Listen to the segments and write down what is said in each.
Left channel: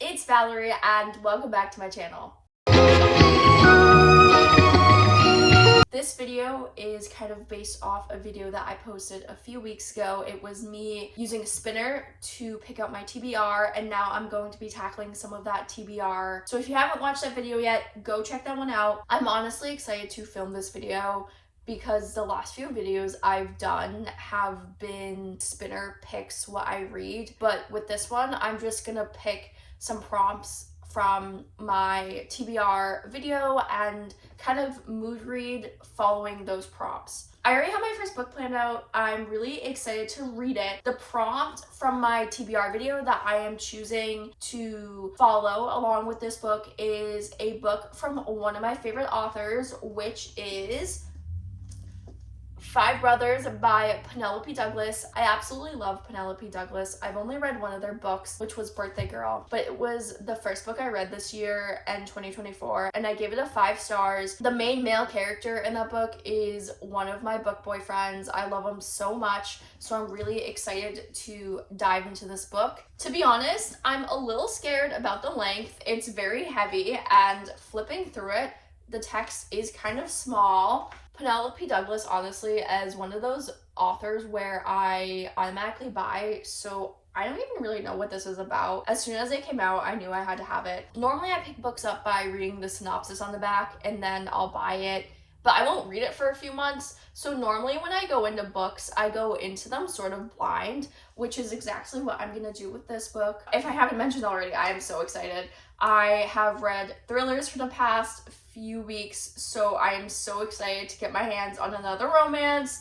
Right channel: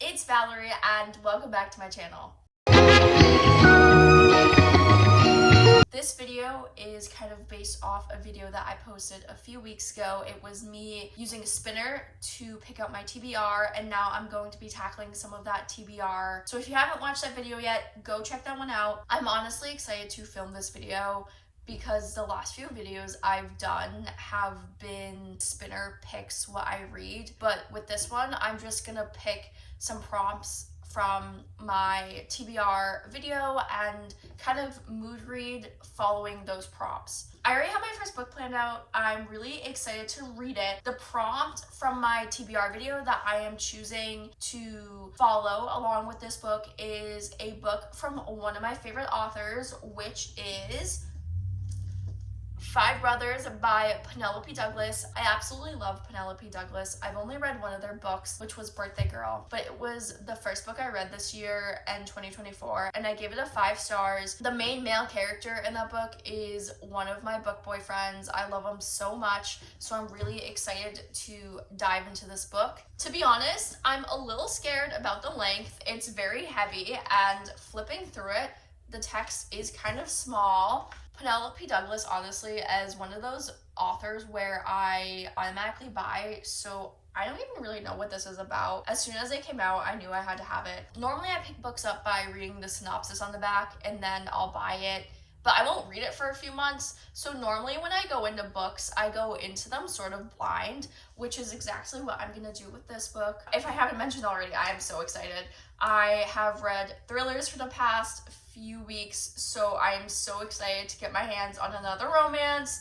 it's Valerie and welcome back to my channel. This video is kind of based off a video that I posted a few weeks ago. It was me using a spinner to pick up my TBR, and now I'm going to be tackling some of that TBR. So if you haven't watched that video yet, go check that one out. I'm honestly excited to film this video because the last few videos I've done have been spinner picks what I read, but with this one I'm just gonna pick some prompts from my TBR video and kind of mood read following those prompts. I already have my first book planned out. I'm really excited to read it. The prompt from my TBR video that I am choosing to follow along with this book is a book from one of my favorite authors, which is Five Brothers by Penelope Douglas. I absolutely love Penelope Douglas. I've only read one of their books, which was Birthday Girl, but it was the first book I read this year in 2024, and I gave it a 5 stars. The main male character in that book is one of my book boyfriends. I love him so much, so I'm really excited to dive into this book. To be honest, I'm a little scared about the length. It's very heavy, and flipping through it, the text is kind of small. Penelope Douglas, honestly, as one of those authors where I automatically buy, so I don't even really know what this is about. As soon as it came out, I knew I had to have it. Normally, I pick books up by reading the synopsis on the back, and then I'll buy it, but I won't read it for a few months. So normally when I go into books, I go into them sort of blind, which is exactly what I'm gonna do with this book. If I haven't mentioned already, I am so excited. I have read thrillers for the past few weeks, so I am so excited to get my hands on another romance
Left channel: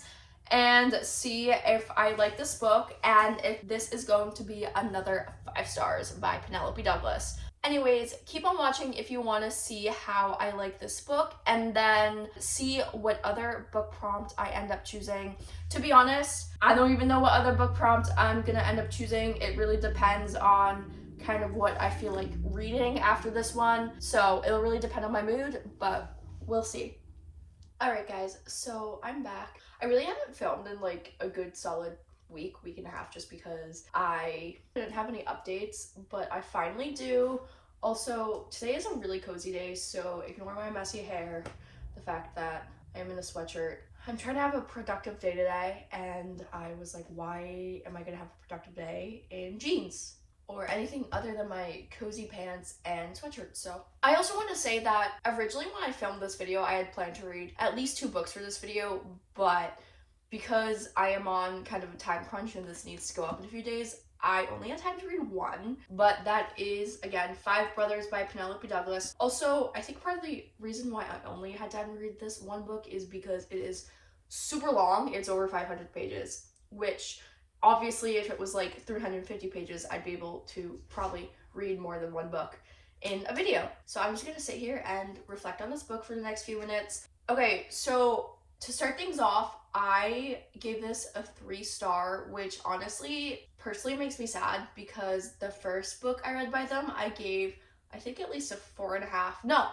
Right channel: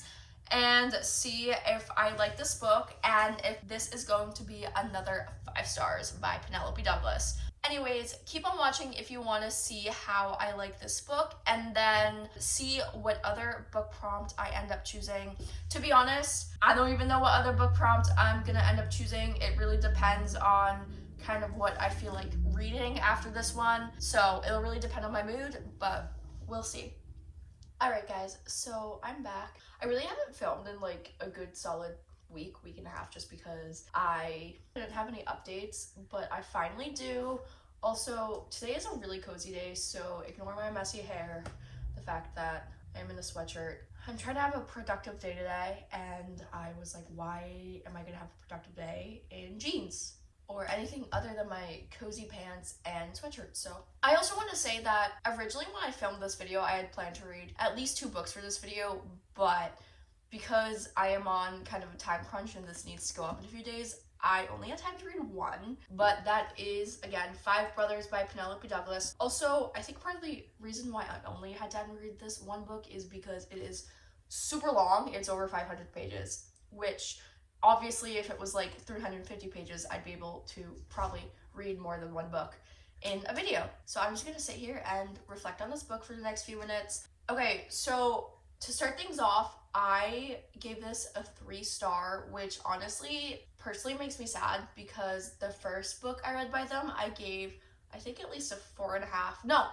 and see if I like this book and if this is going to be another 5 stars by Penelope Douglas. Anyways, keep on watching if you want to see how I like this book and then see what other book prompt I end up choosing. To be honest, I don't even know what other book prompt I'm gonna end up choosing. It really depends on kind of what I feel like reading after this one, so it'll really depend on my mood, but we'll see. Alright guys, so I'm back. I really haven't filmed in like a good solid week and a half just because I didn't have any updates, but I finally do. Also, today is a really cozy day, so ignore my messy hair, the fact that I'm in a sweatshirt. I'm trying to have a productive day today, and I was like, why am I gonna have a productive day in jeans or anything other than my cozy pants and sweatshirt? So I also want to say that originally when I filmed this video, I had planned to read at least 2 books for this video, but because I am on kind of a time crunch and this needs to go up in a few days, I only had time to read 1, but that is, again, Five Brothers by Penelope Douglas. Also, I think part of the reason why I only had time to read this 1 book is because it is super long. It's over 500 pages, which obviously if it was like 350 pages, I'd be able to probably read more than 1 book in a video. So I'm just gonna sit here and reflect on this book for the next few minutes. Okay, so to start things off, I gave this a 3 star, which honestly, personally makes me sad because the first book I read by them, I gave, I think at least a 4.5. No,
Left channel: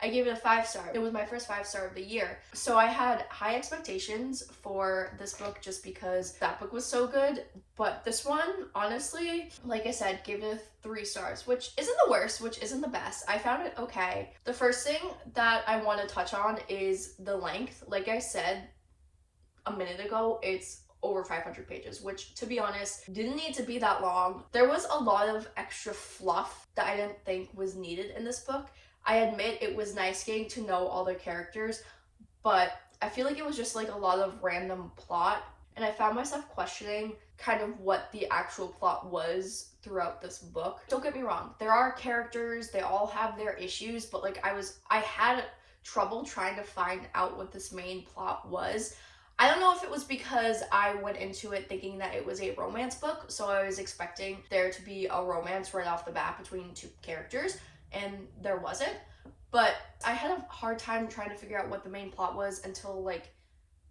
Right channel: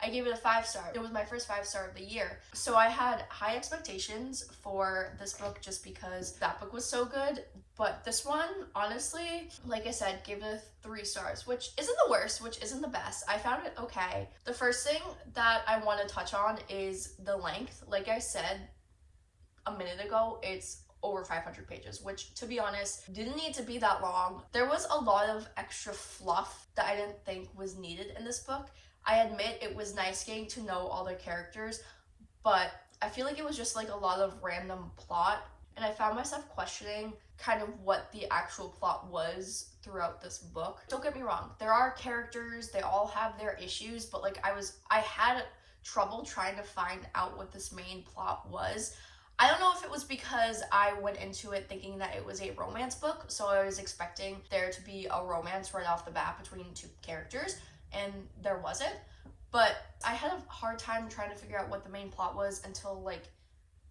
I gave it a 5 star. It was my first 5 star of the year. So I had high expectations for this book just because that book was so good. But this one, honestly, like I said, gave it 3 stars, which isn't the worst, which isn't the best. I found it okay. The first thing that I want to touch on is the length. Like I said a minute ago, it's over 500 pages, which to be honest, didn't need to be that long. There was a lot of extra fluff that I didn't think was needed in this book. I admit it was nice getting to know all the characters, but I feel like it was just like a lot of random plot, and I found myself questioning kind of what the actual plot was throughout this book. Don't get me wrong, there are characters, they all have their issues, but like I had trouble trying to find out what this main plot was. I don't know if it was because I went into it thinking that it was a romance book, so I was expecting there to be a romance right off the bat between 2 characters, and there wasn't. But I had a hard time trying to figure out what the main plot was until like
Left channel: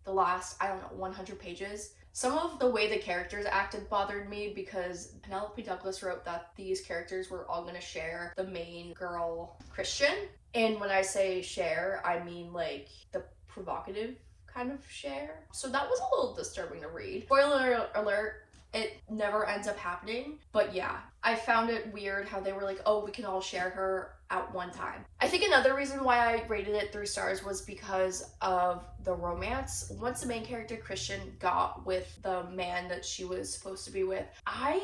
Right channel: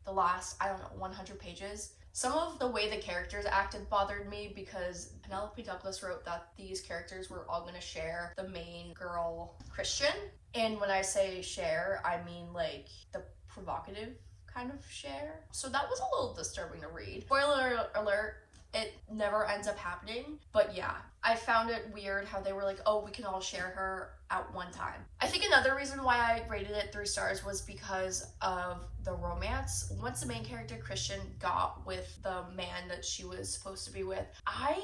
the last, I don't know, 100 pages. Some of the way the characters acted bothered me because Penelope Douglas wrote that these characters were all going to share the main girl, Christian. And when I say share, I mean like the provocative kind of share. So that was a little disturbing to read. Spoiler alert, It never ends up happening. But yeah, I found it weird how they were like, oh, we can all share her at one time. I think another reason why I rated it 3 stars was because of the romance. Once the main character Christian got with the man that she was supposed to be with, I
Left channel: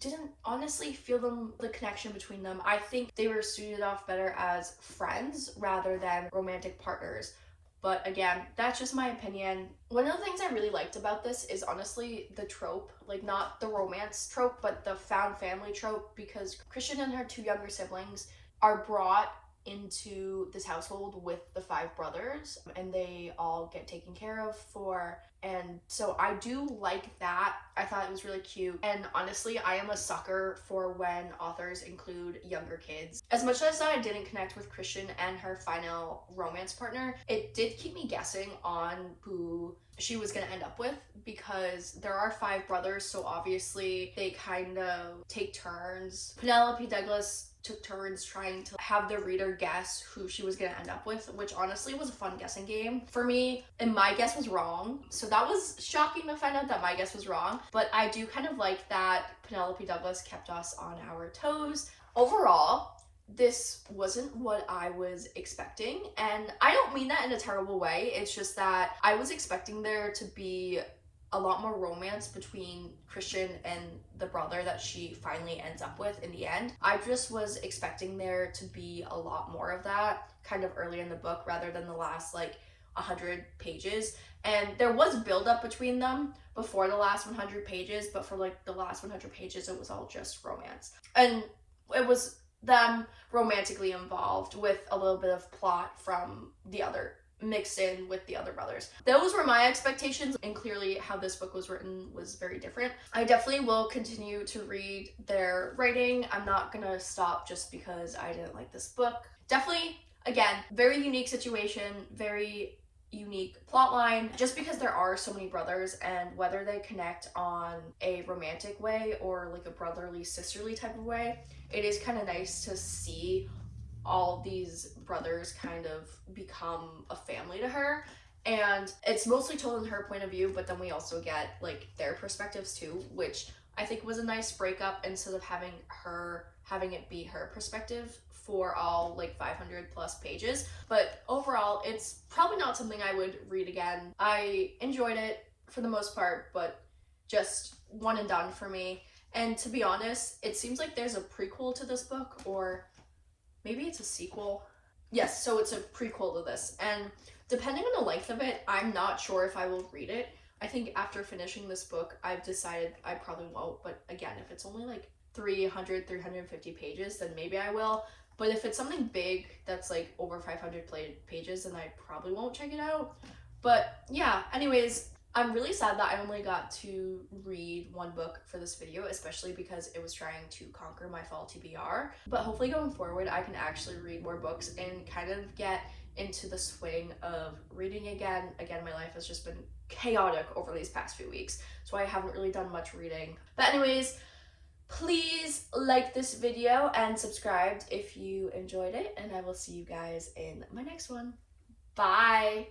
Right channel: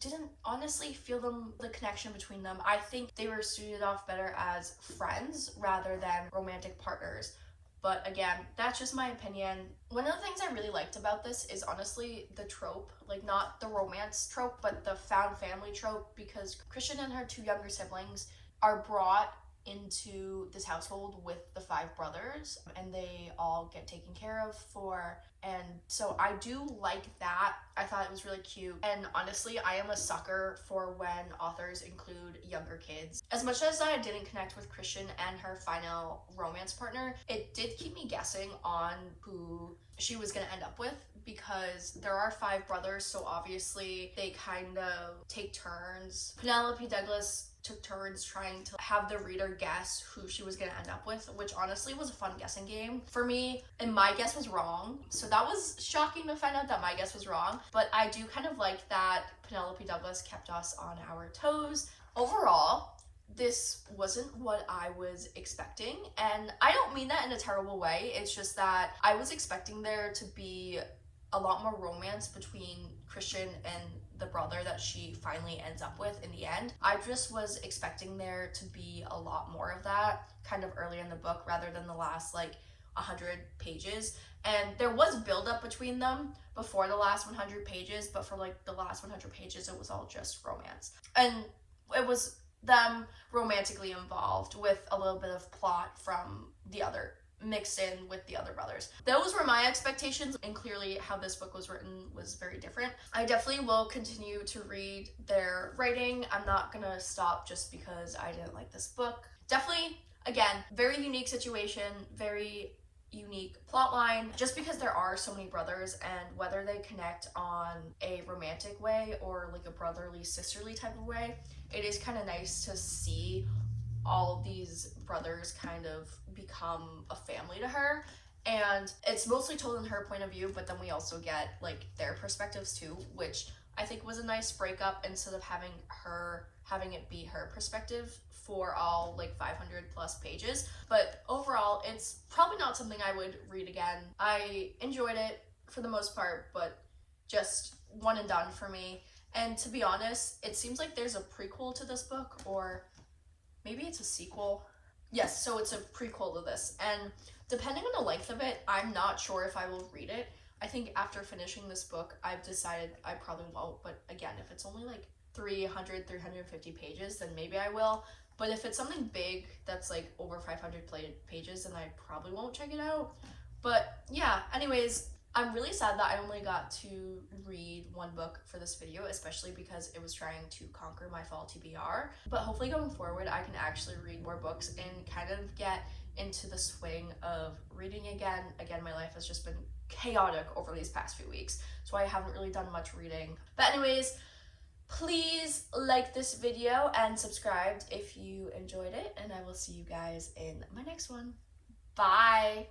didn't honestly feel the connection between them. I think they were suited off better as friends rather than romantic partners. But again, that's just my opinion. One of the things I really liked about this is honestly the trope, like not the romance trope, but the found family trope, because Christian and her 2 younger siblings are brought into this household with the 5 brothers, and they all get taken care of for, and so I do like that. I thought it was really cute, and honestly I am a sucker for when authors include younger kids. As much as I didn't connect with Christian and her final romance partner, it did keep me guessing on who she was going to end up with, because there are 5 brothers, so obviously they kind of take turns. Penelope Douglas took turns trying to have the reader guess who she was going to end up with, which honestly was a fun guessing game for me, and my guess was wrong, so that was shocking to find out that my guess was wrong. But I do kind of like that Penelope Douglas kept us on our toes. Overall, this wasn't what I was expecting, and I don't mean that in a terrible way. It's just that I was expecting there to be a lot more romance between Christian and the brother that she finally ends up with in the end. I just was expecting there to be a lot more of that kind of early in the book rather than the last like 100 pages. And there was build-up between them before the last 100 pages, but for like the last 100 pages it was all just romance. And it was them romantically involved with a little bit of plot from the other mixed in with the other brothers. Those were my expectations, and clearly how this book was written was very different. I definitely will continue to read their writing. I'm not gonna stop just because I didn't like this book. Definitely, again, very unique situation, very unique plot line, just because there are so many brothers, and whether they connect on a romantic way or like a brotherly sisterly type of way, it is kind of nice to see all these brothers kind of become a family to her. And it's mostly told in her point of view, but then we also get like their perspectives too, which I think was a nice breakup, instead of having it be her perspective for all like 500 plus pages. But overall, it's probably not something I would read again. I enjoyed it for the most part, but just one and done for me. And to be honest, it seems like there's a prequel to this book, or maybe it's a sequel. Yes, so it's a prequel to this, and depending on the length of it, I'm not sure if I will read it. I think after finishing this book, I've decided I probably won't, but again, if it's only like 350 pages, then maybe I will. But if it's something big that's like over 500 pages, then I probably won't check it out. But yeah, anyways, I'm really sad that I only got to read one book for this video, especially because it was trying to conquer my fall TBR. But hopefully going forward, I can actually read more books and kind of get into the swing of reading again. Again, my life has just been chaotic over these past few weeks, so I haven't really done much reading. But anyways, please like this video and subscribe if you enjoyed it, and I will see you guys in my next one. Bye!